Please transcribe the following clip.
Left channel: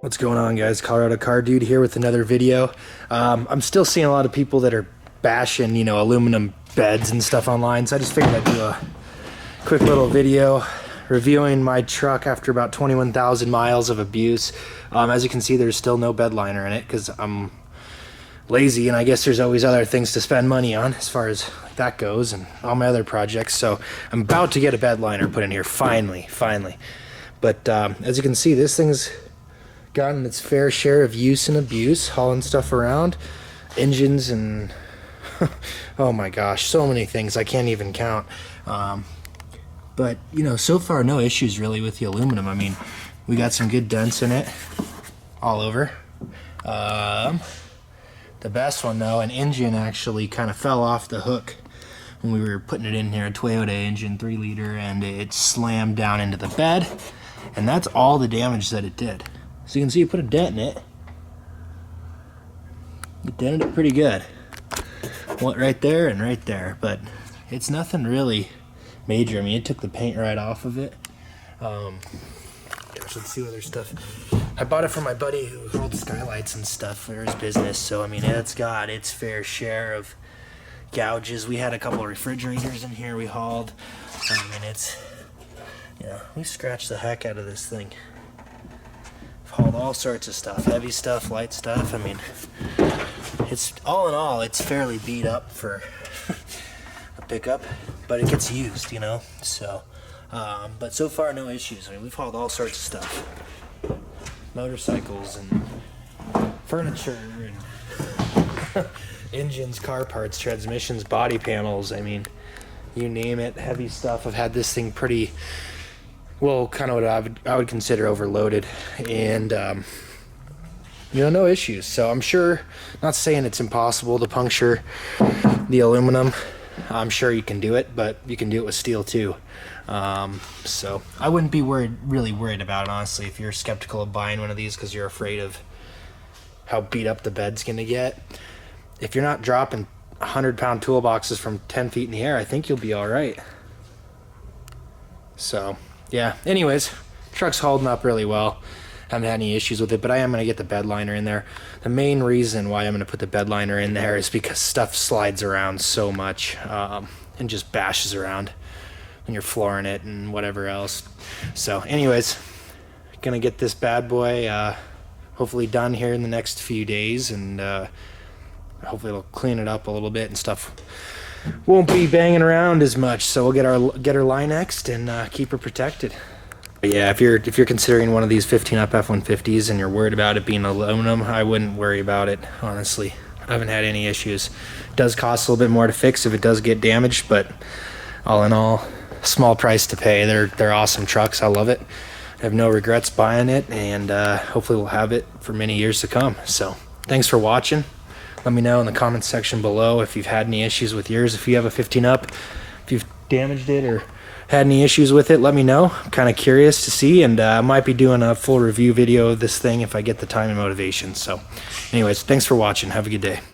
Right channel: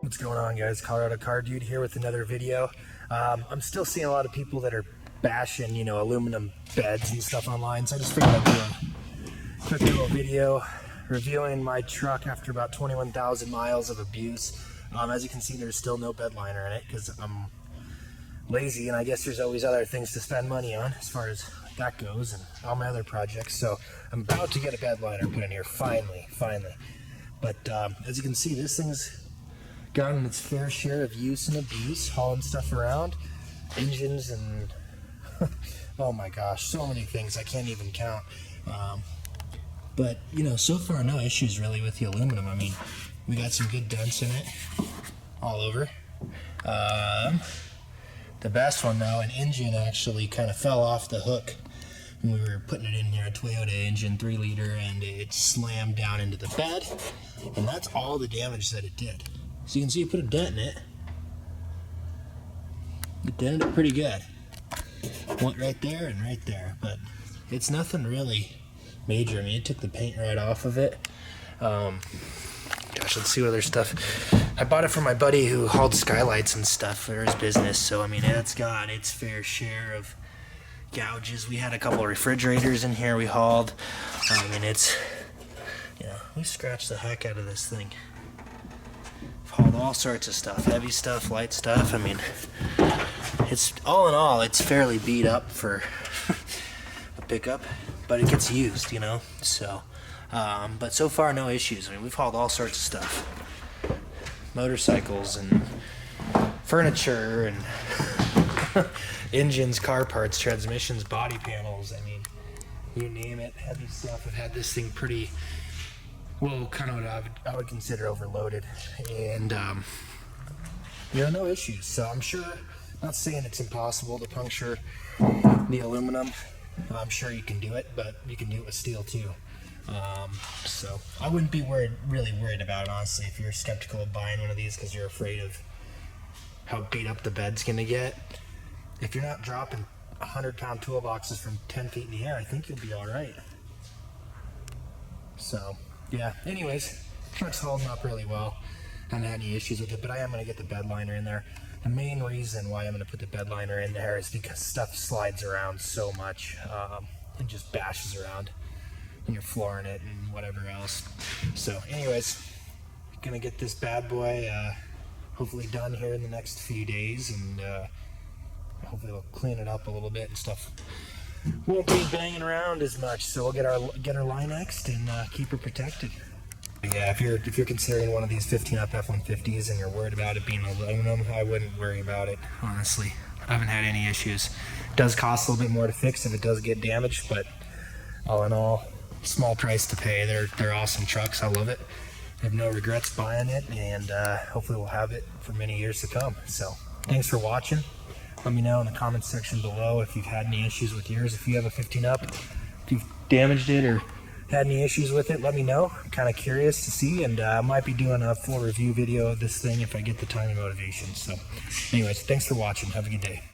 What's going on, guys? Colorado Car Dude here with another video. I'm still seeing a lot of people that are bashing, aluminum beds and stuff online, so I just figured I'd do a quick little video reviewing my truck after about 21,000 miles of abuse. As you can see, there's still no bed liner in it because I'm lazy, and I guess there's always other things to spend money on as far as that goes and all my other projects. So I'm about to get a bed liner put in here, finally. But as you can see, this thing's gotten its fair share of use and abuse, hauling stuff around, engines, and oh my gosh, so many things I can't even count. But so far no issues really with the aluminum. I mean, we got some good dents in it all over. The best one though, an engine actually kind of fell off the hook when we were putting it in here, a Toyota engine, 3 liter, and it slammed down into the bed, and that's all the damage that it did. So you can see you put a dent in it. You dented it pretty good. One right there and right there, but it's nothing really major. I mean, it took the paint right off of it. Gosh, let's see what other stuff. I bought it from my buddy who hauled skylights and stuff for his business, so I mean, it's got its fair share of gouges. We had a couple of refrigerators in here we hauled. I mean, it's, we scratched the heck out of this thing. Hauled all sorts of stuff, heavy stuff, light stuff. I mean, it's all in all, it's fairly beat up for a pickup, but it gets used, so but so far no issues. I mean, we've hauled all sorts of stuff, motorcycles and furniture and engines, car parts, transmissions, body panels. I mean, you name it, heavy stuff. I've had this thing pretty well, kind of what I would consider overloaded, and no issues. So I'm sure, not saying it's impossible to puncture the aluminum. I'm sure you can do it, but you can do it with steel too. So I wouldn't be really worried about it, honestly, if you're skeptical of buying one of these because you're afraid of how beat up the bed's gonna get. If you're not dropping 100-pound toolboxes from 10 feet in the air, I think you'll be all right. So yeah, anyways, truck's holding up really well. Haven't had any issues with it, but I am going to get the bed liner in there. The main reason why I'm going to put the bed liner in there is because stuff slides around so much and just bashes around when you're flooring it and whatever else. So anyways, going to get this bad boy hopefully done here in the next few days, and hopefully it'll clean it up a little bit and stuff won't be banging around as much, so we'll get her Linexed and keep her protected. But yeah, if you're considering one of these 15-up F150s and you're worried about it being aluminum, I wouldn't worry about it, honestly. I haven't had any issues. It does cost a little bit more to fix if it does get damaged, but all in all, small price to pay. They're awesome trucks. I love it. I have no regrets buying it, and hopefully we'll have it for many years to come. So thanks for watching. Let me know in the comments section below if you've had any issues with yours. If you have a 15-up, if you've damaged it or had any issues with it, let me know. I'm kind of curious to see, and I might be doing a full review video of this thing if I get the time and motivation. So anyways, thanks for watching. Have a good day.